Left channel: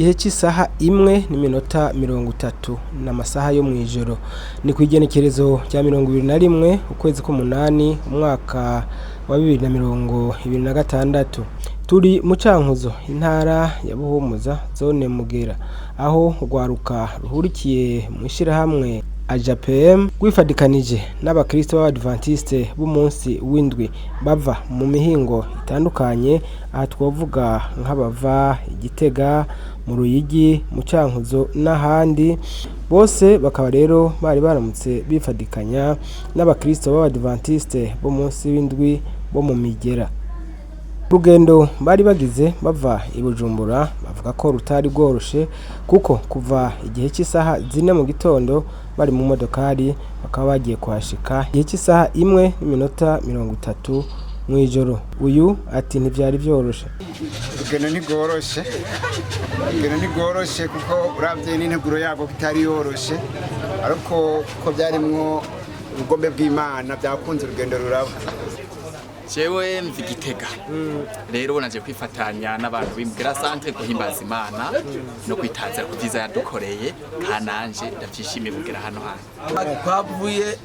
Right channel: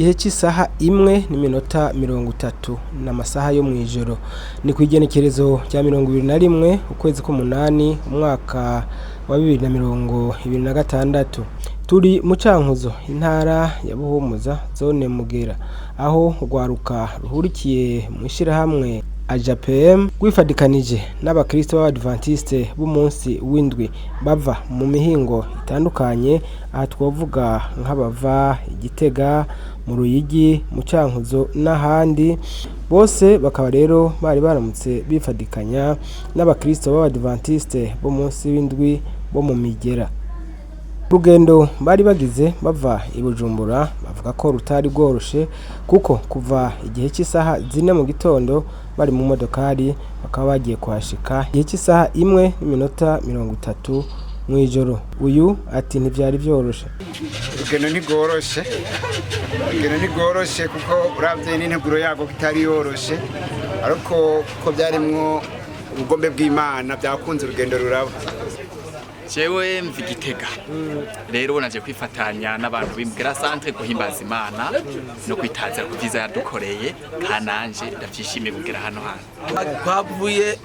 igihe cy'isaha 1:30 n'amasaha yo mwijoro ni kwigenekerezo rya 21 ukwezi k'umunani umwaka wa 2026 turi mu Cankuzo intara ya Buhumuza zone Mugera aho rwaruka ruhurikiye mu ishirahamwe AJPM gwifadikanije n'abakristo b'Abadventiste b'umunsi w'indwi bava mu mihingo itandukanye aha twovuga nk'abava Igitega mu Ruyigi mu Cankuzo n'ahandi bose bakaba rero bari baramutse bifadikanya n'abakristo b'Abadventiste b'umunsi w'indwi bo mu Migera. Rugendo bari bagize bava i Bujumbura bavuga ko rutari rworoshe kuko kuva igihe cy'isaha 4 mu gitondo bari mu modokari bakaba bagiye kwashika igihe cy'isaha 1:30 mu ijoro. Uyu ati ntivyari byoroshe. Rugendo ntigoroshe kuko uravye n'integuro yago kitari yoroshe ariko ko byarimwo ubugombe bw'Imana byakunze urugendo ruraba. Jewe mvi Gitega rero naje kwifatanya n'abantu b'imbwira centre guhimbaza Imana no kwitazira ku vyiza yadukoreye kananje ndavyishimiye kugera hano hano. Twavuye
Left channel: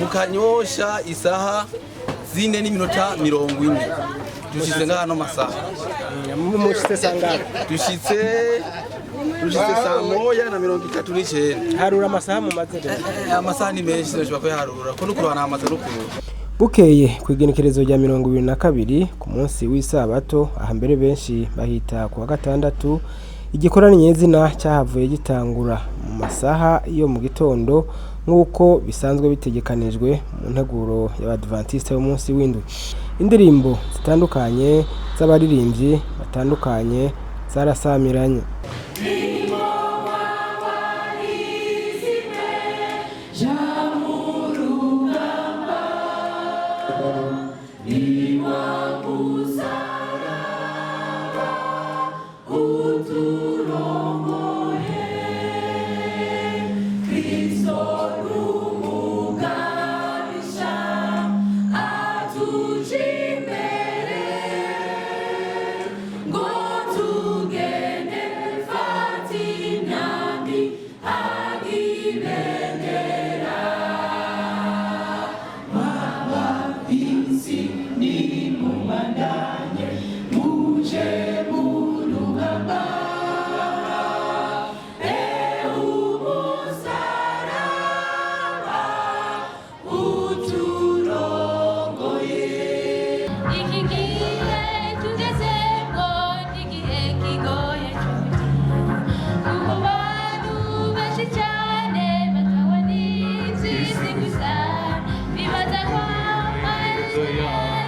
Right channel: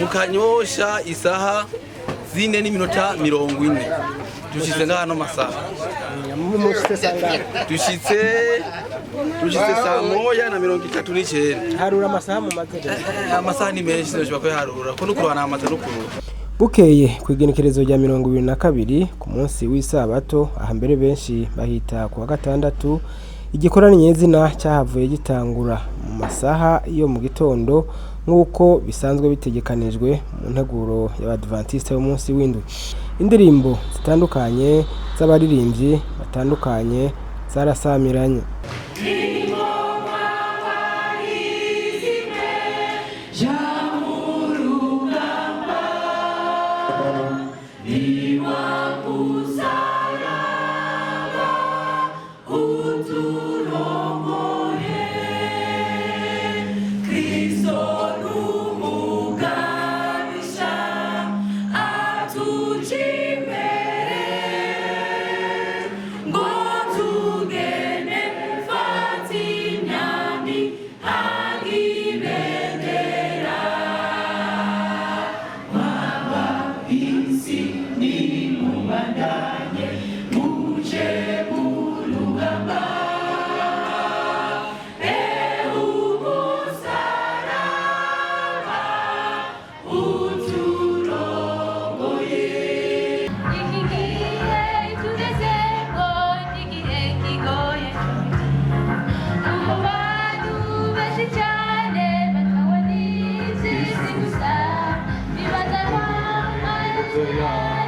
mu Kanyosha isaha 4:40 dushitse ngano masaha dushitse saa 1:39 harura amasaha mu mazere amasaha ni menshi nshobora ko harura ko nukurwana amasaha nukurura. Bukeye kwigenekerezo rya 22 ku munsi w'isabato aha mbere benshi bahita ku wa gatandatu igikorane nyezina cyahavuye gitangura mu masaha yo mu gitondo nk'uko bisanzwe bitegekanijwe mu nteguro y'Abadventiste b'umunsi w'indwi. Indirimbo zitandukanye z'abaririmbyi batandukanye zarasamiranye. Yeah.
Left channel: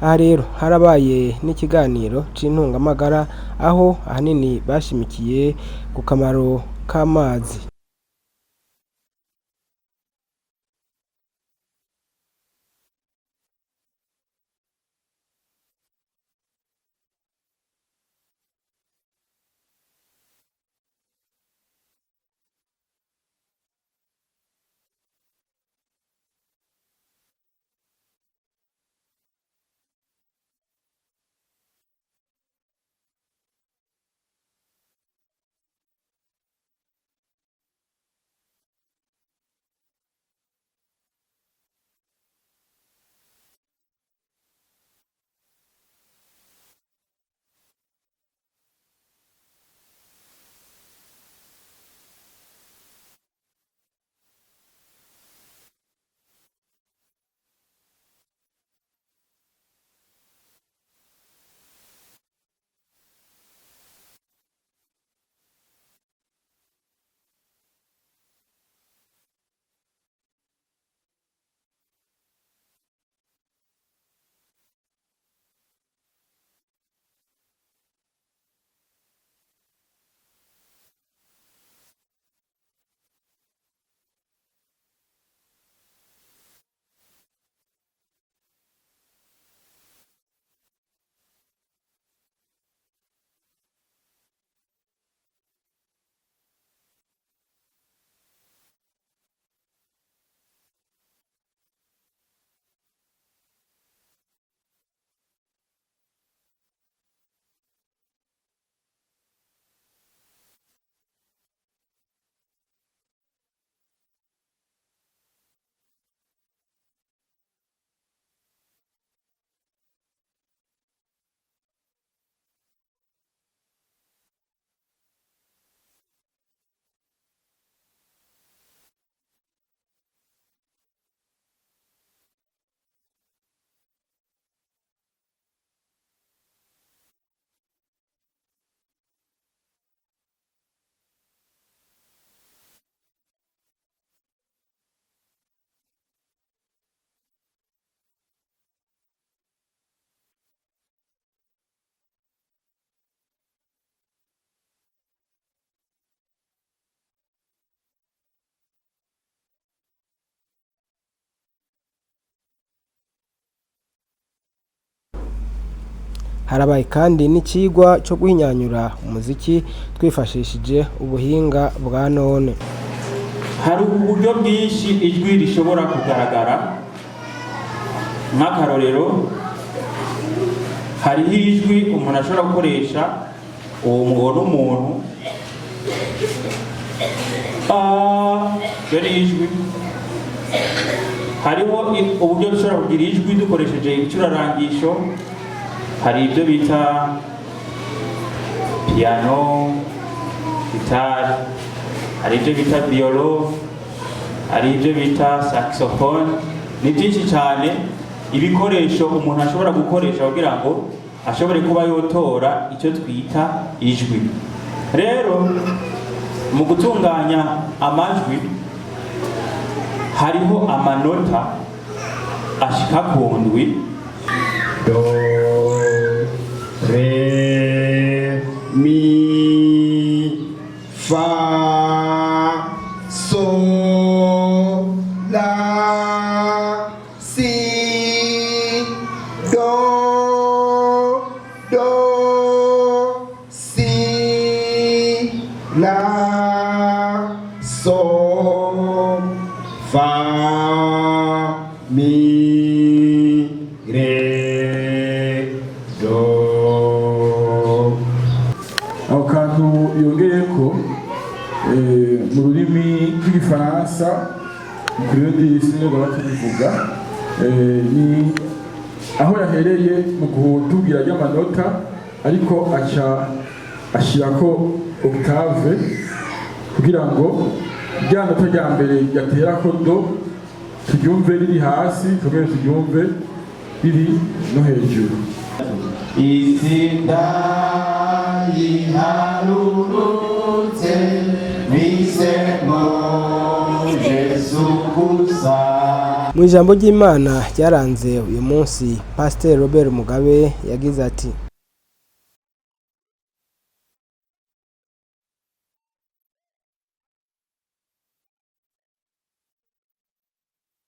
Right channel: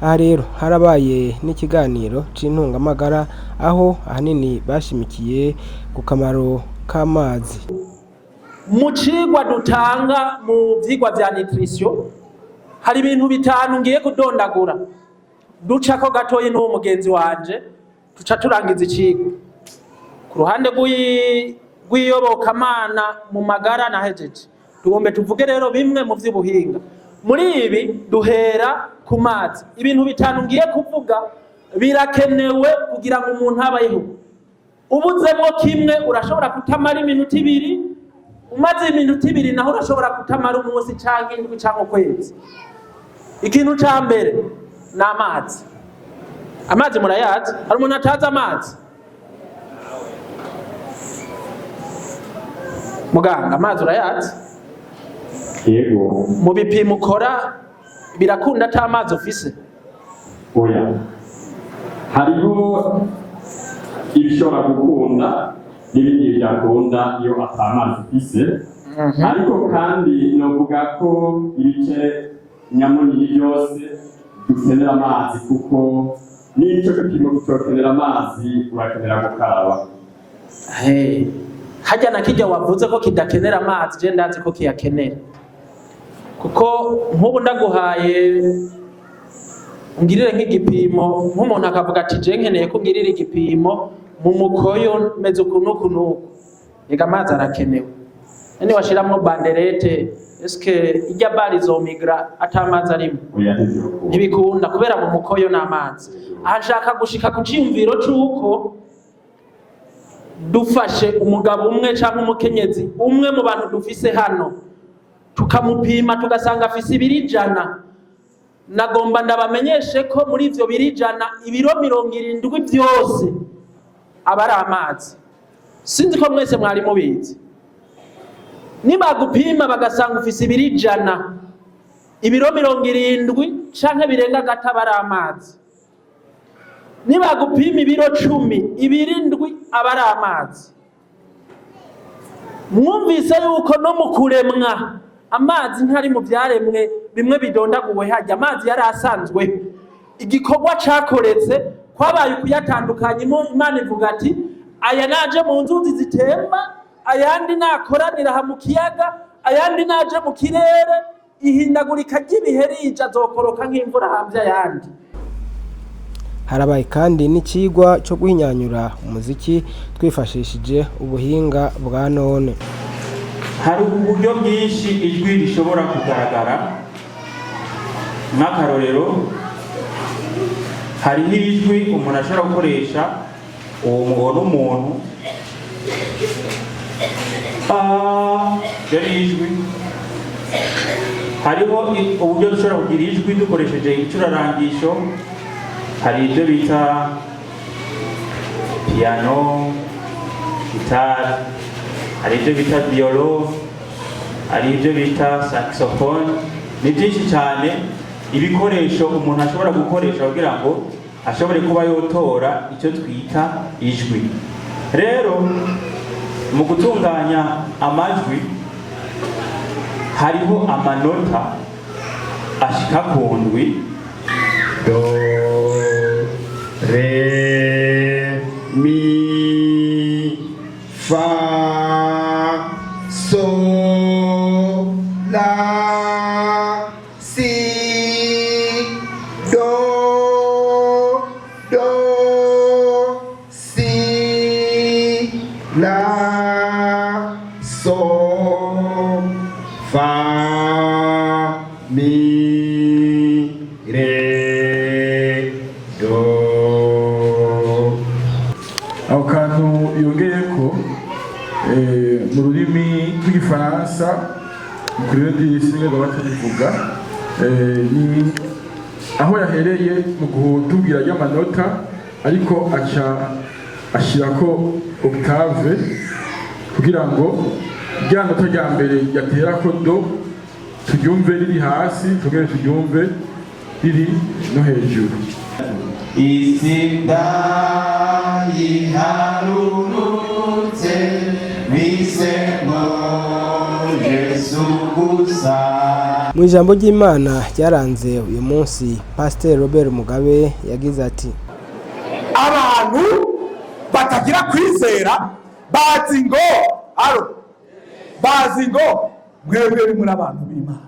Aha rero harabaye n'ikiganiro c'intungamagara aho ahanini bashimikiye ku kamaro k'amazi. Mu cigwa dutanga mu vyigwa vya nutrition hari ibintu bitanu ngiye kudondagura ducako gatoyi n'uwo mugenzi wanje tuca turangiza icigwa. Ku ruhande rw'iyobokamana mu magara nahejeje tugombe tuvuge rero bimwe mu vy'ubuhinga. Muri ibi duhera ku mazi. Ibintu bitanu ngiye kuvuga birakenewe kugira ngo umuntu abayeho. Ubuzemo kimwe urashobora kutamara iminota 2, umaze iminota 2 naho urashobora kutamara umunsi canke indwi canke ukwezi. Ikintu ca mbere ni amazi. Amazi murayazi? Hari umuntu atazi amazi? Muganga, amazi urayazi? Yego. Mu bipimo ukora birakunda ata amazi ufise? Oya. Hariho ibishobora gukunda n'ibindi byakunda iyo atamazi ufise. Ariko kandi novuga ko ibice nyamuni byose dukenera amazi kuko n'icyo gipimo gukenera amazi urakenera gukaraba. Hajya na kijya wavuze ko kidakenera amazi je ndazi ko kiyakenera. Kuko nk'ubu ndaguhaye ngirire nk'igipimo nk'umuntu akavuga ati je nkeneye ko ngirire igipimo mu mukoyo meze ukunuku ega amazi arakenewe. Nani washiramwo banderete eske ijya bari zo migra atamazi arimo ntibikunda kubera mu mukoyo n'amazi. Ahashaka gushika ku cimviro c'uko dufashe umugabo umwe cyangwa umukenyezi umwe mu bantu dufise hano tukamupima tugasanga afise 200, nagomba ndabamenyeshe ko muri ivyo 200 ibiro 70 byose abari amazi. Sinzi ko mwese mwari mubizi. Nibagupima bagasanga ufise 200 ibiro 70 canke birenga gata bari amazi. Nibagupima ibiro 10 ibirindwi abari amazi. Mwumvise yuko no mu kuremwa amazi ntari mu byaremwe bimwe bidondaguwe hajya amazi yari asanzwe. Igikorwa cakoretse kwabaye kuyatandukanya. Imana ivuga ati aya naje mu nzuzi zitemba, ayandi nakoranira ha mu kiyaga, ayandi naje mu kirere, ihindagurika ry'ibihe rija azokoroka nk'imvura hamvya ayandi. Harabaye kandi n'icigwa cyo guhinyanyura umuziki twifashishije ubuhinga bwa none. Hari uburyo bwinshi ijwi rishobora kugaragara. Nk'akarorero hari ijwi umuntu ashobora gukoresha uwo mubona umuntu dore ijwi. Hariho uburyo dushobora kugira ijwi dukoresheje icurarangisho. Hari ibyo bita piano, gitari, hari ibyo bita violon, hari ibyo bita saxophone. Ni byinshi cyane ibikoresho umuntu ashobora gukoresha kugira ngo ashobore kuba yotora icyo twita ijwi. Rero mu gutunganya amajwi hariho amanota ashika ku ndwi: do, re, mi, fa, So, la, si, do, si, la, so, fa, mi, re, do. Ako kantu yongeyeko mu rurimi rw'igifaransa kuri radiyo singa batubivuga ni aho yahereye mu gutubwira y'amanota ariko aca ashirako octave kugira ngo rya nota rya mbere yaterako do turyumve riri hasi tugere turyumve riri no hejuru. Isinda yiharurutse bisemo Yesu gusa. Mu ijambo ry'Imana ryaranze uyu munsi, Pasteur Robert Mugabe yagize ati: abantu batagira kwizera bazi ngo mwebwe muri abantu b'Imana.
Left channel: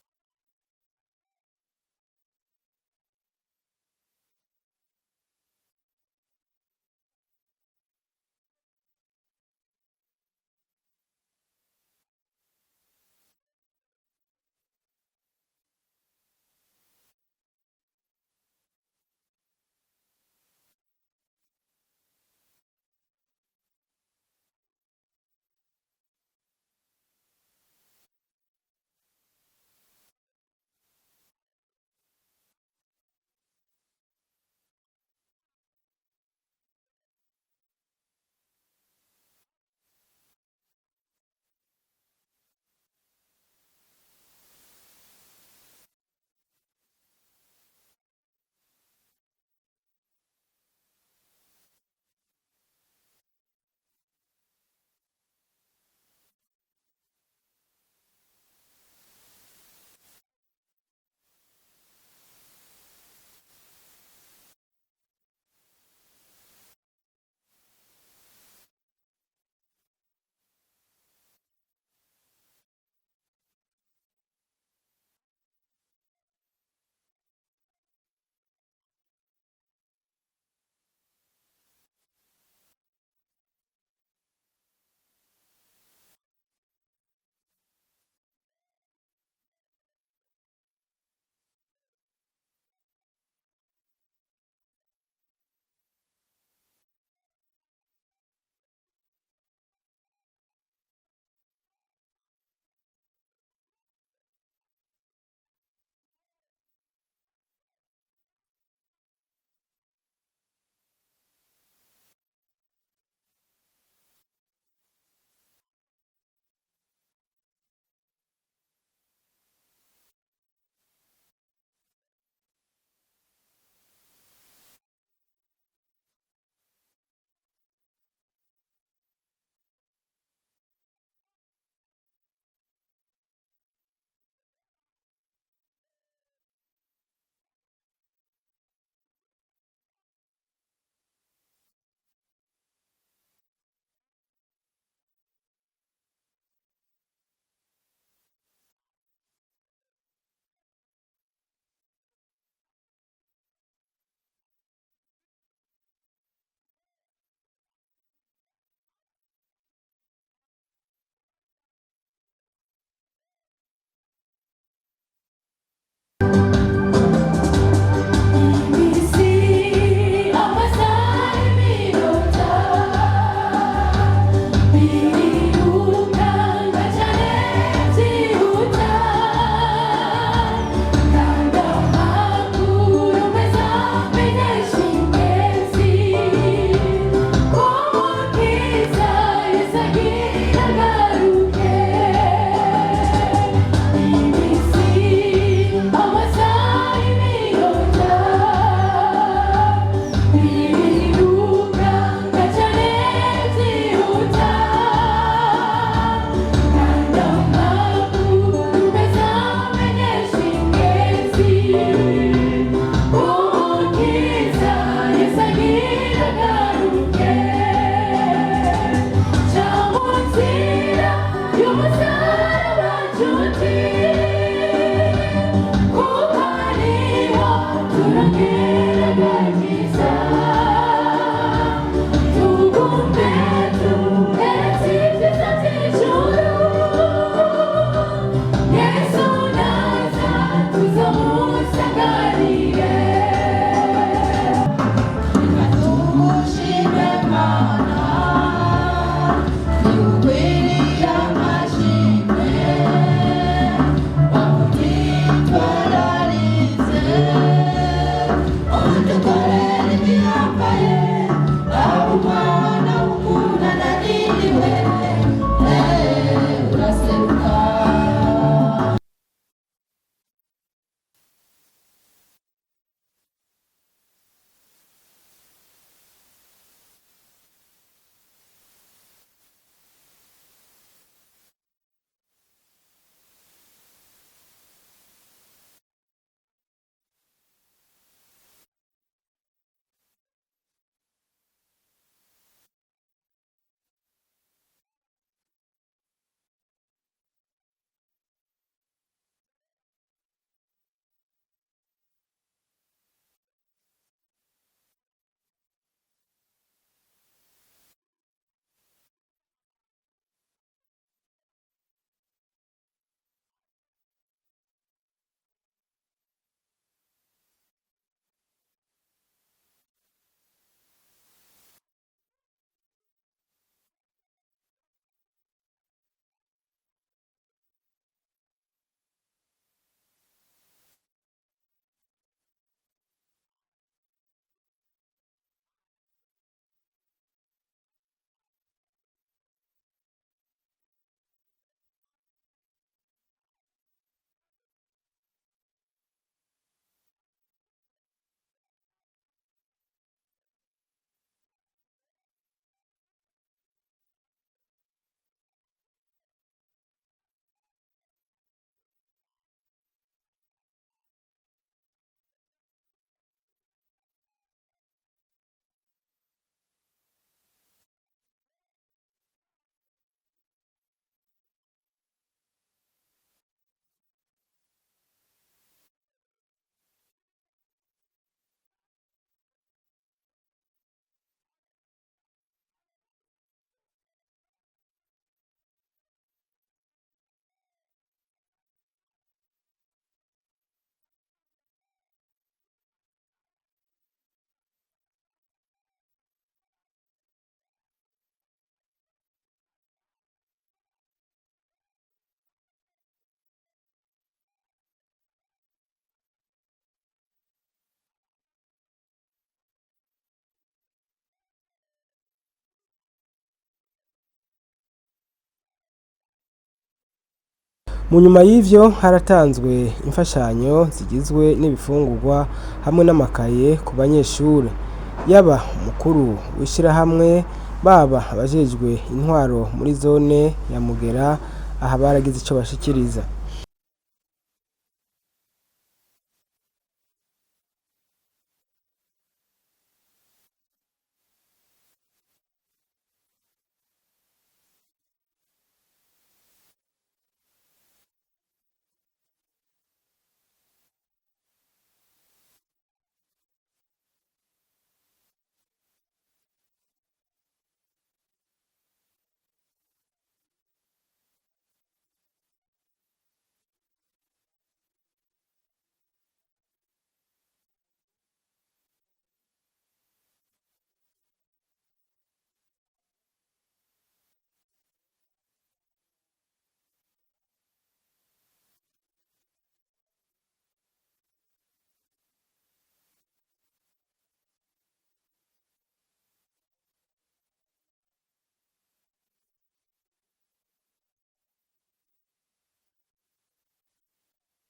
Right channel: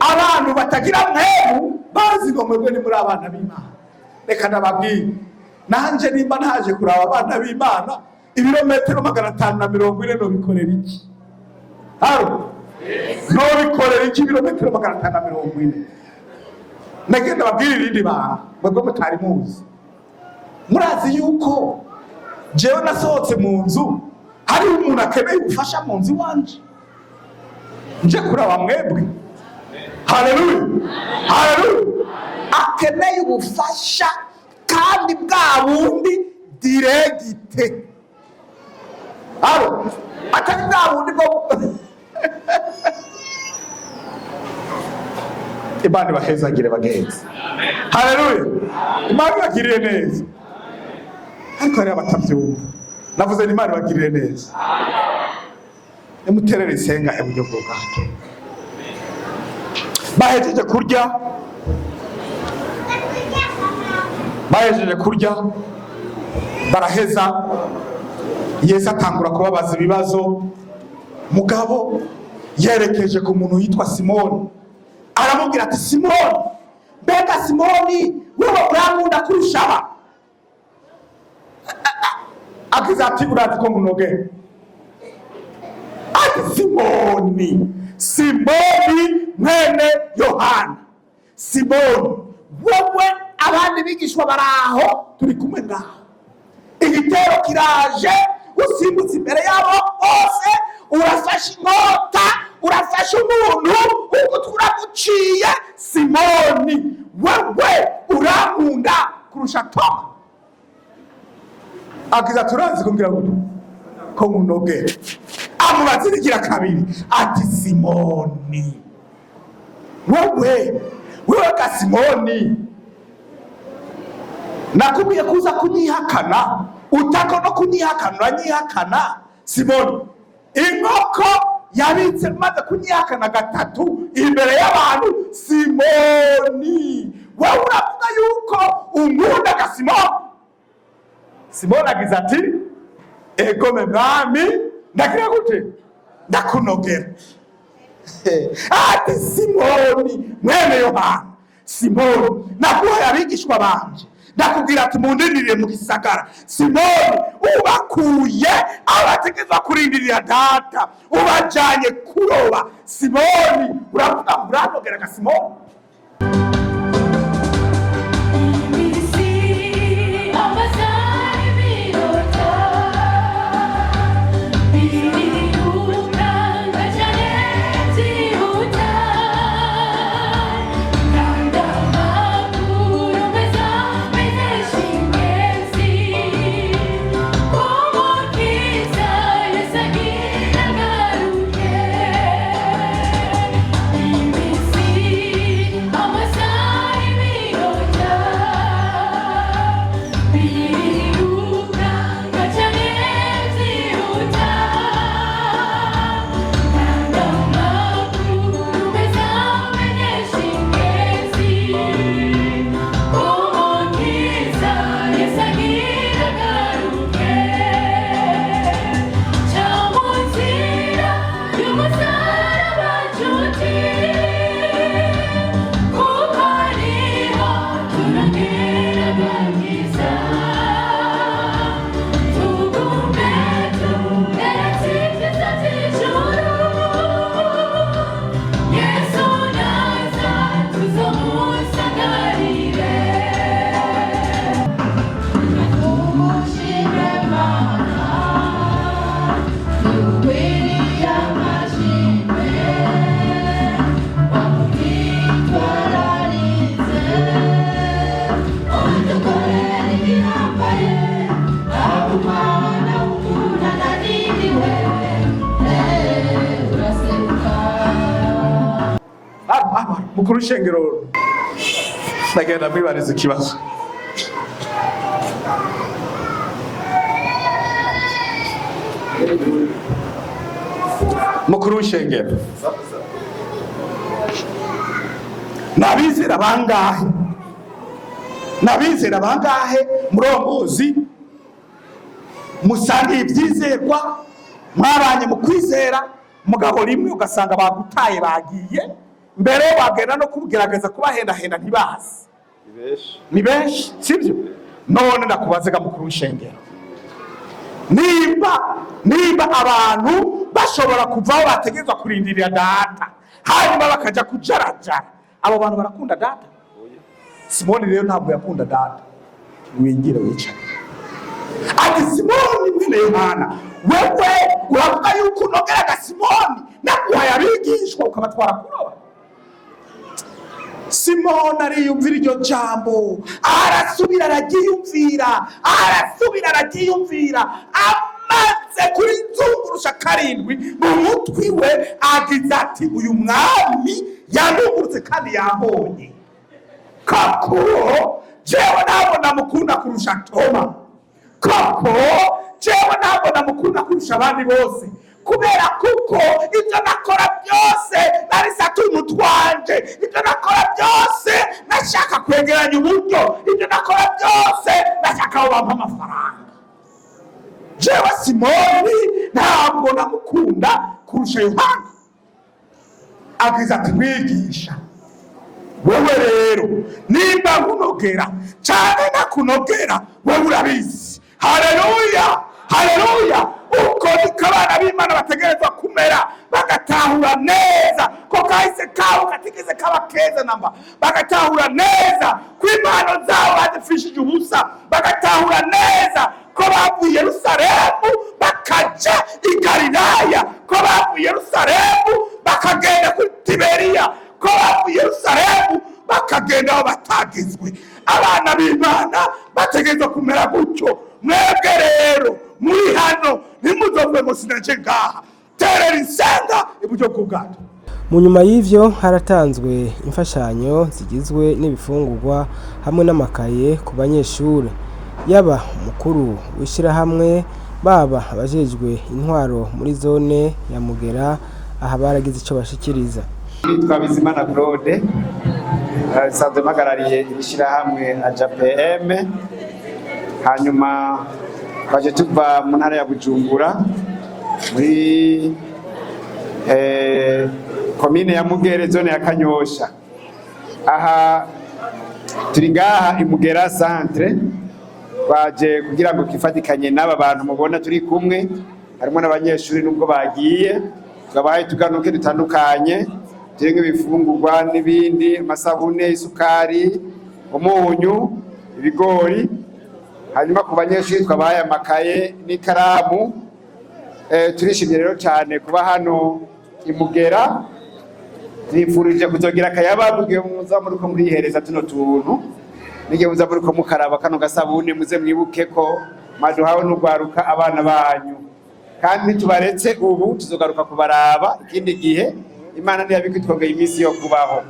Abantu batagira mwemu bazi ngo mwebwe muri abana b'Imana. Reka ndababwire, nanje nimba ntaje kuraba abana b'Imana, ibirometero 540 no bikorera iki? No bikorera iki ibirometero 540? Nagenda babwire irindi banga, mwebwe mutari muzi. Murazi yuko jewe nasohotse mu nzu, hari umuntu akeneye ubufasha mu nzu wanje, nje kuraba mwebwe. Haleluya, haleluya. Akeneye ubufasha kandi bwa bundi diregite. Atari bwa bundi bwo Imana bahezagire bagenzi. Haleluya. Imana bagirire neza. Ariko hari abatavyumva. Navuze ni Imana bagirire neza. Emuterere isenga eburyo bw'ubwato. Bahejeje kurya baraheza, Yesu atangura kubabaza ibibazo. Mugabo yerekeje ku muntu yitwa Simoni, aramubwira ati: Simoni, mbega Simoni, wewe urankunda kurusha aba? Agize ati: urazi ko nkunogera? Ati: Simoni mwene Yohana. Simoni, wowe abandi bigishwa baraho turi kumwe ngaho, igitero kiraje, usimbutse imbere yabo bose, urafashe inkota, urafashe umuntu, umutwe uraguciye. Simoni, wewe urankunda kurusha Toma? Agize ati: urazi kumbwira ko nkunogera? Amubaza igira kabiri ati: Simoni, wewe ka Simoni, nakubwiye kuza kunyihakana, utako no kunyihakana, uranyihakana. Simoni, inkoko yabitse maze kunyihakana gatatu imbere y'abantu. Simoni, wewe uravuga yuko unkunda ka Simoni? Simoni agize ati: ego me mwami, ndagira gute? Ndakunogera. Ati: Simoni mwene Yohana, Simoni, naguhaye abigishwa banje, ndakubwira ati mundindirire mu gisagara. Simoni, ubakuye abategeza kurindirira data, ubajanye kuroba. Simoni, uravuga uranogera ka Simoni? Mukuru w'ishengero ndagenda mwibariza ikibazo. mukuru w'ishengero nabizera bangahe murongozi musangiye ibyizerwa mwabanye mu kwizera mugabo rimwe ugasanga bagutaye bagiye mbere bagenda no kugerageza kubahendahenda ntibazi ni benshi sibyo none ndakubazega mukuru w'ishengero nimba abantu bashobora kuvaho bategerezwa kurindirira data hanyuma bakaja kujarajara abo bantu barakunda data Simoni rero ntabwo yakunda data wingire wicara ati Simoni mwene Yohana wewe uravuga yuko unogeraga Simoni naguhaye abigishwa ukabatwara kuroba Simoni ariyumvira iryo jambo arasubira aragiyumvira amaze kuri nzungurusha karindwi mu mutwi we agize ati uyu mwami yanungurutse kandi yambonye kako jewe nabona mukunda kurusha Toma kako jewe nabona mukunda kurusha abandi bose kubera kuko ibyo nakora byose nari satuntu twanje ibyo nakora byose nashaka kwegeranya uburyo ibyo nakora byose nashaka ko bampa amafaranga jewe Simoni ntabwo namukunda kurusha Yohana agize ati mwigisha wewe rero nimba nkunogera cyane nakunogera wewe urabizi haleluya uko niko abana b'Imana bategerezwa kumera bagatahura neza ko kahise kabo katigeze kaba keza namba bagatahura neza ko impano zabo badufishije ubusa bagatahura neza ko bavuye Yerusalemu bakaja i Galilaya ko bavuye Yerusalemu bakagenda kuri Tiberiya ko bavuye Yerusalemu bakagenda aho batagizwe abana b'Imana bategerezwa kumera gutyo mwebwe rero muri hano ntimuzove ngo sinaje ngaha terera insenga iburyo bw'ubwato. Mu nyuma y'ivyo haratanzwe imfashanyo zigizwe n'ibifungurwa hamwe n'amakaye ku banyeshure yaba umukuru w'ishirahamwe baba abajejwe intwaro muri zone ya Mugera aha baragize ico bashikiriza. Nitwa Bizimana Claude sanzwe magarariye ishirahamwe AJPM hanyuma twaje tuva mu ntara ya Bujumbura muri komine ya Mugere zone ya Kanyosha aha turi ngaha Imugera centre baje kugira ngo kifatikanye n'aba bantu mubona turi kumwe harimo n'abanyeshuri nubwo bagiye twabaye tuganuke dutandukanye jenga bifungurwa n'ibindi amasabune isukari umunyu ibigori hanyuma ku banyeshuri twabaye amakaye n'ikaramu turishimye rero cyane kuba hano Imugera nifurije kuzogira akayabaguye muza muri ko murihereza tuno tuntu nige muza muri ko mukaraba kano gasabune muze mwibuke ko maduhawe n'ugwaruka abana banyu kandi tubaretse ubu tuzogaruka kubaraba ikindi gihe Imana ntiyabikitwongeye iminsi yo kubaho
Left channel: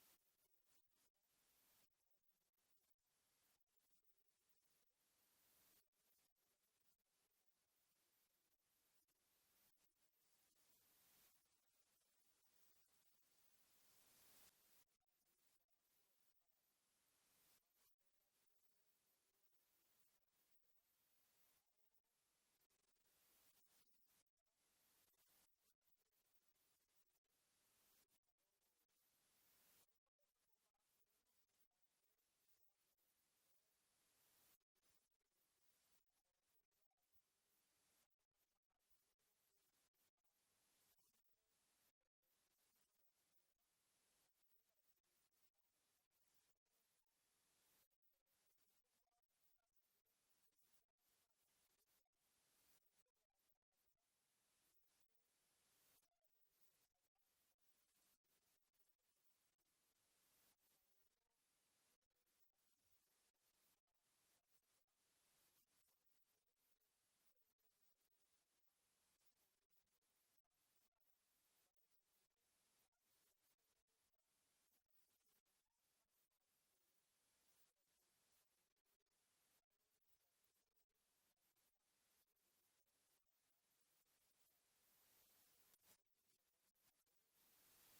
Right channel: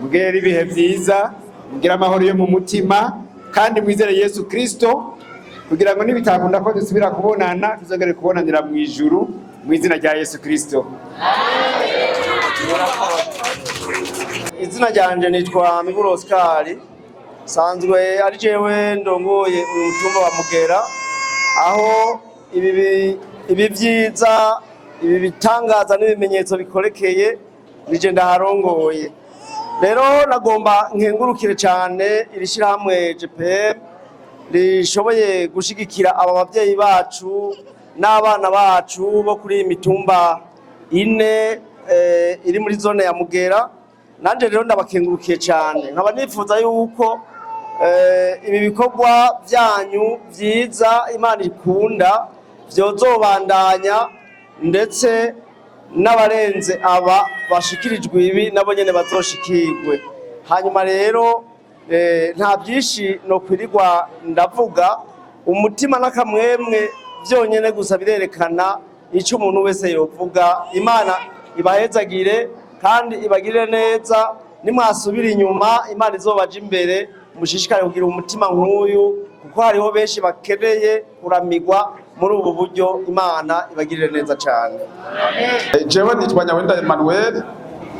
mugere ibihe byiza mugira amahoro yo mu mutima kandi mwizere Yesu Kristo kugira ngo nibitakunda ko dusubira kubonana tuzongere kubonanira mu ijuru mu izina rya Yesu Kristo. Izina ryanje nitwa Miburo Oscar sanzwe ari jewe ndongoye uyu mutumba wa Mugera aho ibi byiza ibi bitangaza n'ibimenyetso bikorekeye nije ndaharongoye rero nagomba nkengurukire cyane irishirahamwe JPM rishoboye gushigikira aba bavyeyi bacu n'abana bacu bo kuri imitumba ine iri muri zone ya Mugera nanje rero ndabakengurukiye cyane nkaba nifuza yuko ibi bikorwa byanyu byiza Imana ikunda vyozobandanya ndetse n'abarenze aba bashikirijwe ibi nabo nyene bazoshikirwe hanyuma rero nta byinshi no kwirirwa ndavuga umutima n'akamwemwe byonyene gusa birerekana icyo umuntu wese yovuga Imana ibahezagire kandi ibagirire neza nimwasubira inyuma Imana izobaje imbere mushishikare kugira umutima nk'uyu kuko hariho benshi bakeneye kuramigwa muri ubu buryo. Imana ibagirire neza cyane. Jewe nitwa Nyawenda Emmanuel,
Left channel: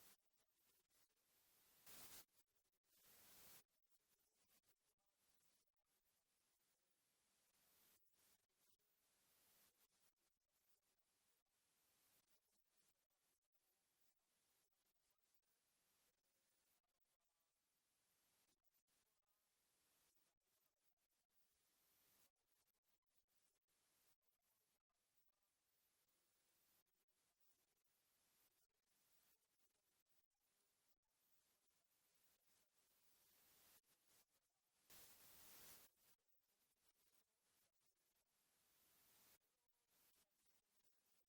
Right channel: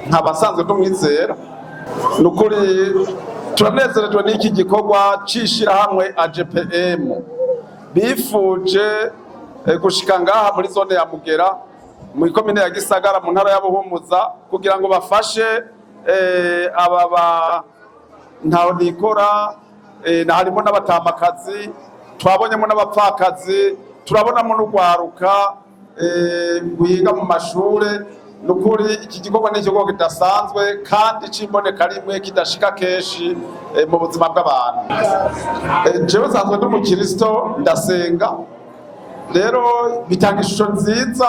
nkabasanzwe tumwizera. Nukuri turanezerejwe n'iki gikorwa c'ishirahamwe AGPM bifuje gushika ngaha muri zone ya Mugera mu ikomine ya Gisagara mu ntara ya Buhumuza kugira ngo bafashe ababa ntaho nikora na harimo n'abatamakazi, twabonyemo n'abapfakazi, turabonamo n'ugwaruka guhiga mu mashure. Nukuri iki gikorwa ni igikorwa kidasanzwe kandi cimboneka rimwe kidashika keshi mu buzima bw'abantu. Jewe nsanzwe ndi umukristo ndasenga, rero bitanga ishusho nziza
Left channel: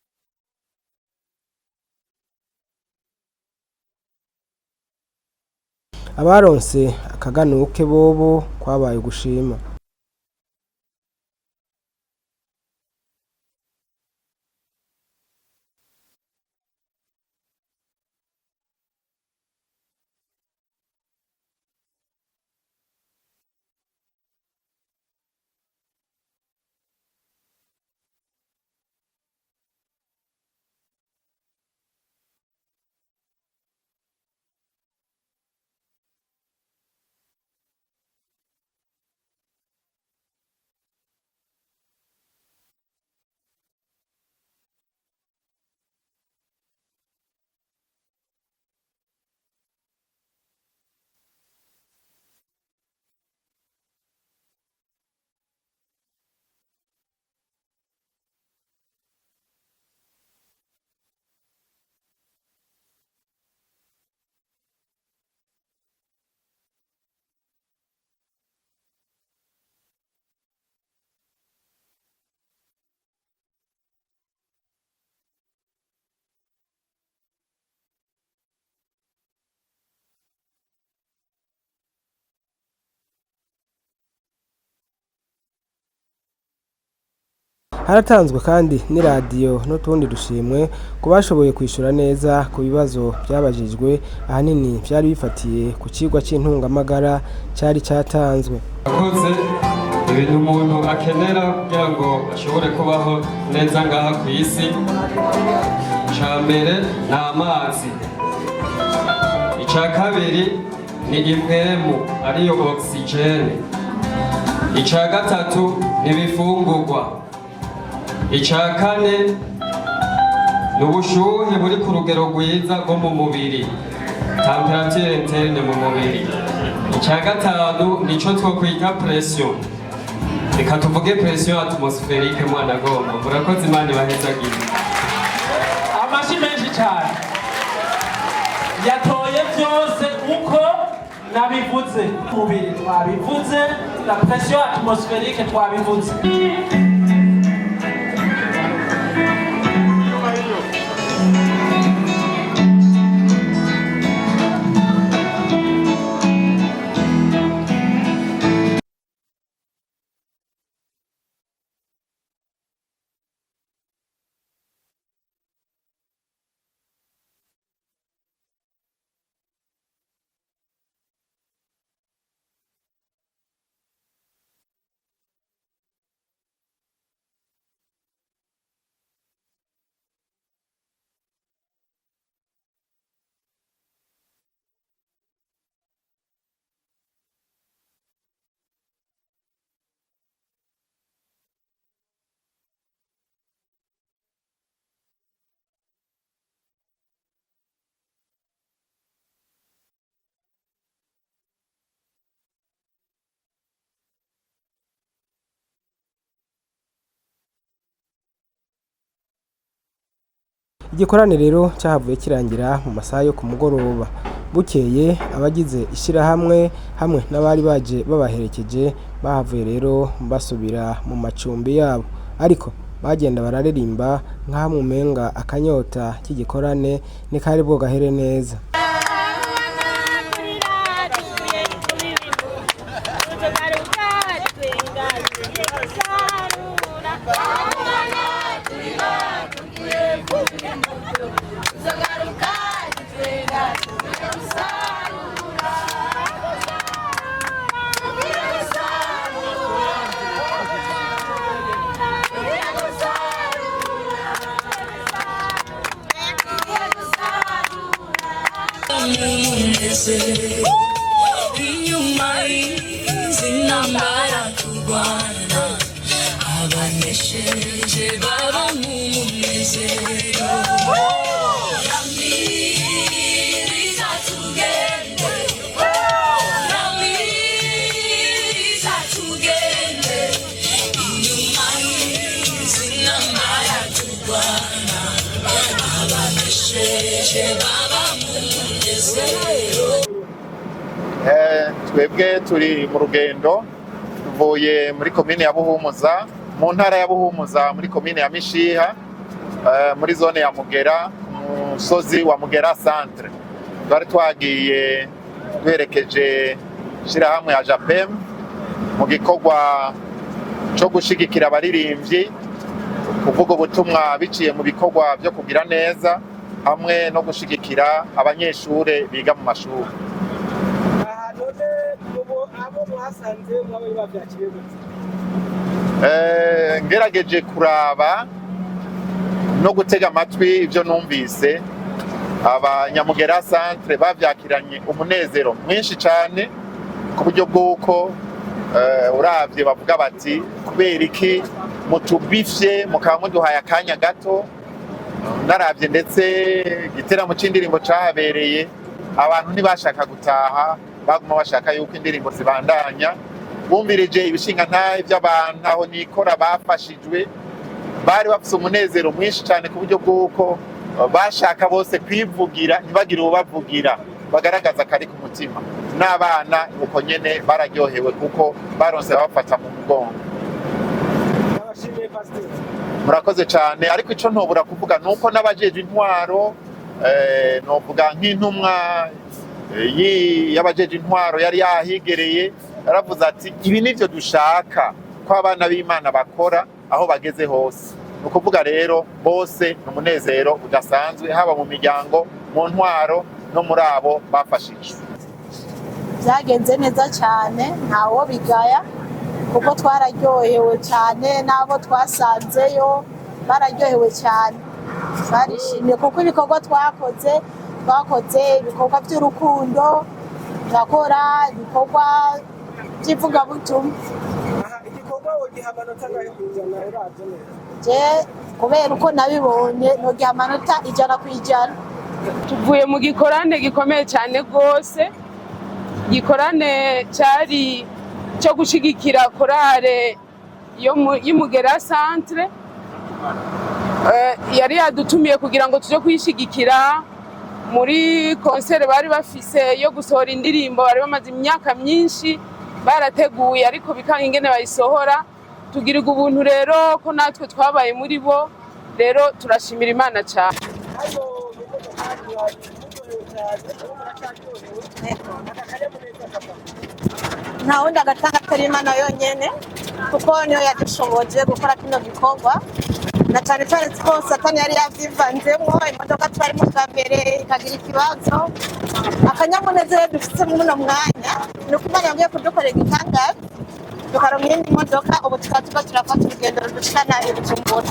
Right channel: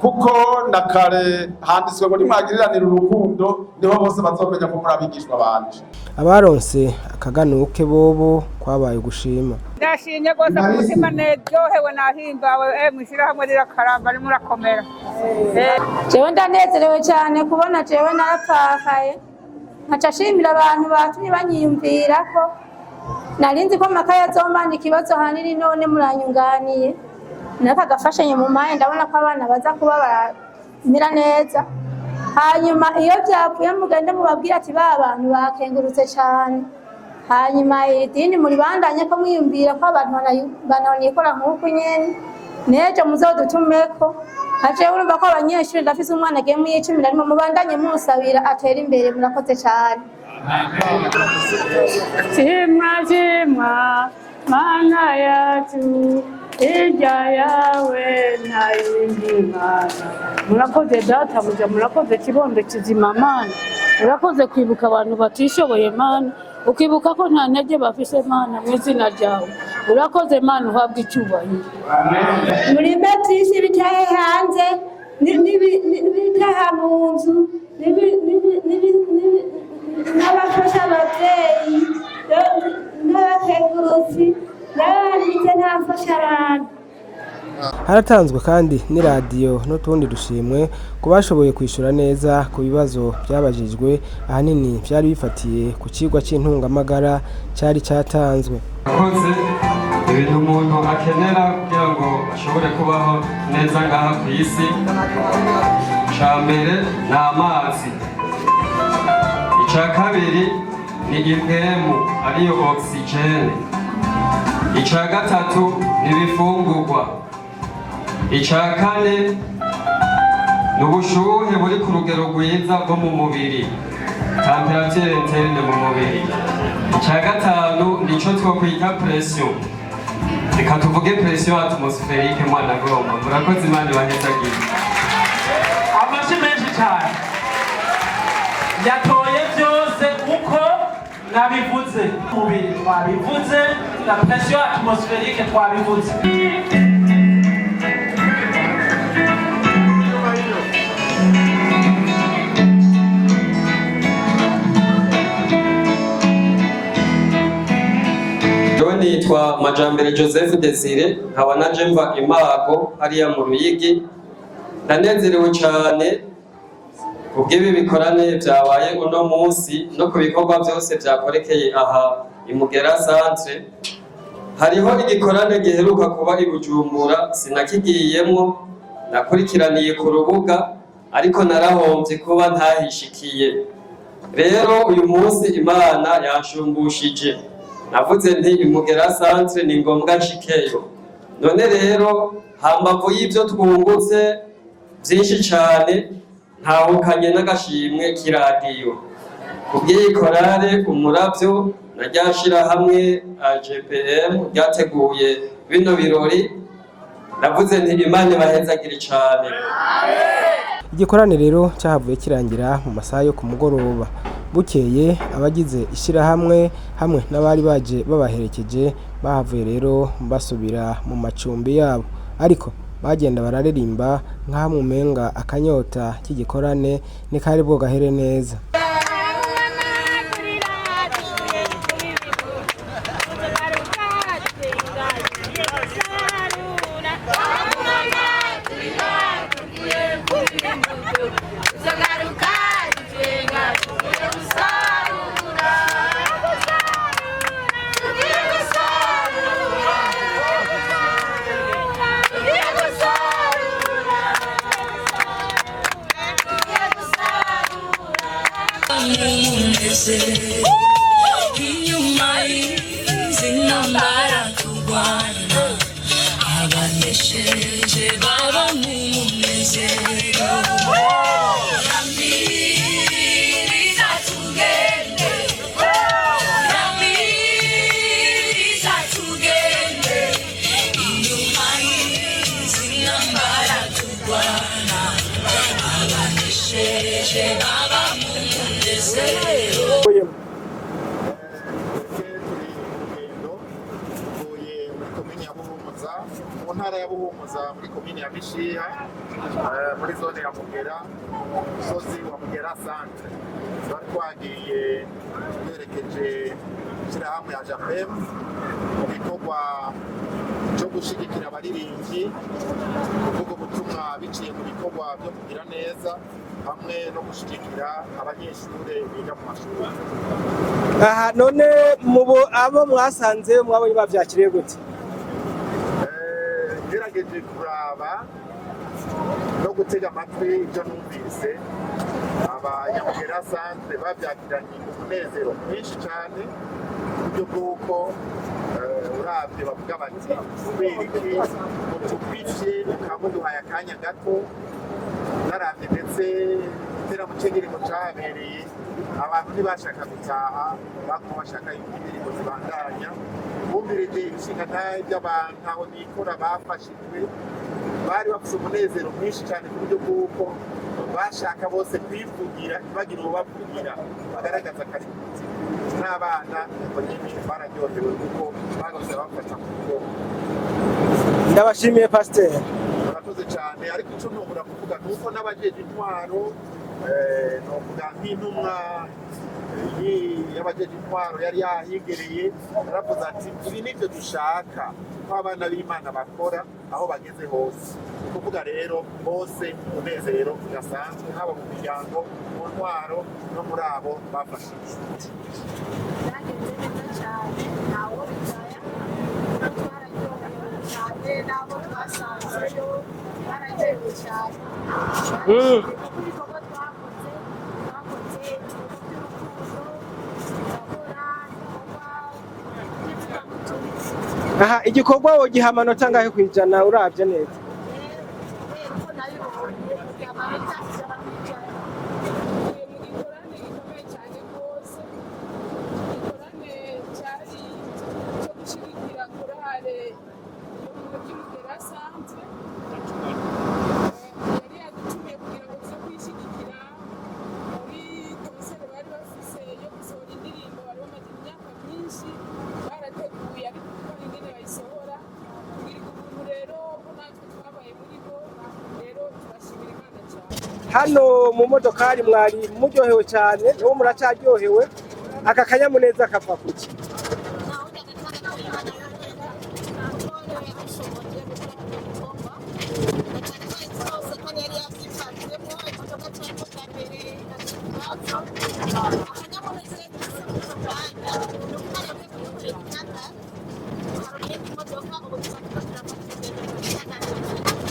kuko na kare handitswe ngo nimwagiriranira urukundo niho bose bazomenya ko muri abigishwa banje. Abaronse akaganuke bobo kwabaye gushima. Ndashimye rwose ku mutima neryohewe nahimbawe mwishirahamwe rirakaramba murakomera. Jewe ndanezerewe cyane kubona jewe narapfakaye nkaca shimira abantu batumye banyiyumvira ko narinzi ko makaye azombana ikibazo hanini, none muranyunganiye nakagafashanye mu maye, ndabona ko abana baza kuba baramira neza. Hanyuma iyo byavuye mugende mubabwira ati ba bantu bakengurutse cyane. Hanyuma idini muri bandanye ko mwiyumvira ko abantu bananikora nk'uko nyene nejo muzodutumeko. Haje urumva ko abanyeshuri ndafise umwana agiye mu 10 arimo mubandanye musabira atera imbere. Murakoze cyane. Shimwa mana yacu irya yawe nta yindi mana. Murakoze data buja, murakoze kibondo kizima mana, murakoze kwibuka abantu batishoboye mana, ukibuka ko nta ntege bafise mana mu izina ryawe. Urakoze mana, uhabwe icyubahiro. Muri metisi bitaye hanze n'ibitaha mu nzu n'abafasha ababyeyi n'abateguzi n'abanditse n'abafasha abantu. Haratanzwe kandi n'iradiyo n'utundi dushimwe ku bashoboye kwishura neza ku bibazo byabajijwe, ahanini byari bifatiye ku kigwa cy'intungamagara cyari cyatanzwe. Akoze ibintu umuntu akenera kugira ngo ashobore kubaho neza ngaha ku isi, icya mbere ni amazi, icya kabiri ni impwemu ariyo oxygene, icya gatatu ni ibifungurwa, icya kane ni ubushuhe buri ku rugero rwiza bwo mu mubiri, temperature interne mu mubiri, icya gatanu nico twokwita pression. Reka tuvuge pression atmospherique mwana gomba. Murakoze Imana ibahezagiye. Amashi menshi cyane yatoye byose uko nabivuze. Mubiri twabivuze, la pression atmospherique twabivuze. Majambere Joseph Desire nkaba naje mva Imago hariya mu Ruyigi. Ndanezerewe cyane ubwibi bikorane byabaye uno munsi no ku bikorwa byose byakorekeye aha Imugera Centre. Hariho igikorane giheruka kuba i Bujumbura, sinakigiyemo, nakurikiraniye ku rubuga ariko narahombye kuba ntahishikiye. Rero uyu munsi Imana yanshumbushije, navuze nti Imugera Centre ni ngombwa nshikeyo. None rero hambavu y'ibyo twungutse byinshi cyane, ntahukanye n'agashimwe k'iradiyo kubw'iyi korale Umuravyo na ryashira hamwe AGPM ryateguye bino birori. Navuze nti Imana ibahezagire cyane. Igikorane rero cyahavuye kirangira mu masaha yo ku mugoroba. Bukeye abagize ishirahamwe hamwe n'abari baje babaherekeje bahavuye rero basubira mu macumbi yabo, ariko bagenda bararirimba nk'aho mu menga akanyota k'igikorane ni kari bwogahere neza. inyuma y'izi ntambara turwana abanesheje baba mu munezero Ramiriza tugende Ramiriza tugende inyuma y'izi ntambara turwana abanesheje baba mu munezero. Twebwe turi mu rugendo tuvuye muri komine ya Buhumuza mu ntara ya Buhumuza muri komine ya Mishiha muri zone ya Mugera musozi wa Mugera centre twari twagiye twerekeje shirahamwe ya Japem mu gikorwa cyo gushigikira abaririmbyi kuvuga ubutumwa biciye mu bikorwa byo kugira neza hamwe no gushigikira abanyeshure biga mu mashuri. Aha none abo mwasanze mwabonye bavyakiriye gute? Ngerageje kuraba no gutega amatwi ibyo numvise abanyamugera centre bavyakiranye umunezero mwinshi cyane ku buryo bw'uko uravye bavuga bati kubera iki mutubifye mukaba muduhaye akanya gato. Naravye ndetse igiteramo c'indirimbo cahabereye abantu ntibashaka gutaha baguma bashaka yuko indirimbo zibandanya bumvirije ibishinga ntahe by'abantu aho nikora bafashijwe bari bafise umunezero mwinshi cyane ku buryo bw'uko bashaka bose kwivugira ntibagire ubavugira bagaragaza akari ku mutima n'abana uko nyene bararyohewe kuko baronse bafata mu mugongo. Ndabashimiye Pasteur. Murakoze cyane ariko ico ntobura kuvuga nuko n'abajeje intwaro novuga nk'intumwa y'abajeje intwaro yari yahigereye yaravuze ati ibi nivyo dushaka ko abana b'Imana bakora aho bageze hose. Ukuvuga rero bose umunezero udasanzwe haba mu miryango mu ntwaro no muri abo bafashije. Byagenze neza cyane ntawo bigaya kuko twararyohewe cyane n'abo twasanzeyo bararyohewe cyane barishimye kuko ibikorwa twakoze ibikorwa by'urukundo tugakora ibikorwa by'ivugabutumwa. Aha igikorwa wogiha amanota angahe kwijana uravye neza? Je kubera uko nabibonye nogiha amanota 100%. Tuvuye mu gikorane gikomeye cyane gose gikorane cyari cyo gushigikira korale y'Imugera centre yari yadutumiye kugira ngo tuje kwishigikira muri concert bari bafise yo gusohora indirimbo bari bamaze imyaka myinshi barateguye ariko bikanga ingene bayisohora tugirirwa ubuntu rero ko natwe twabaye muri bo rero turashimira Imana cyane. Hano mu modokari mwari muryohewe cyane uwo muracaryohewe aka kanyamuneza kava kuki? Nta wundi agatanga atari Imana yonyene kuko niyo yadushoboje gukora kino gikorwa na cyane cyane ko Satani yari yavyivanzemo imodoka twari mu mbere ikagira ikibazo akanyamuneza dufite muri uno mwanya no kumanya yagiye kudukorera igitangaza tukaronka iyindi modoka ubu tukaba turafata urugendo rudushikana i Bujumbura.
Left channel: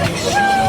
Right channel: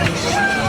Thank you.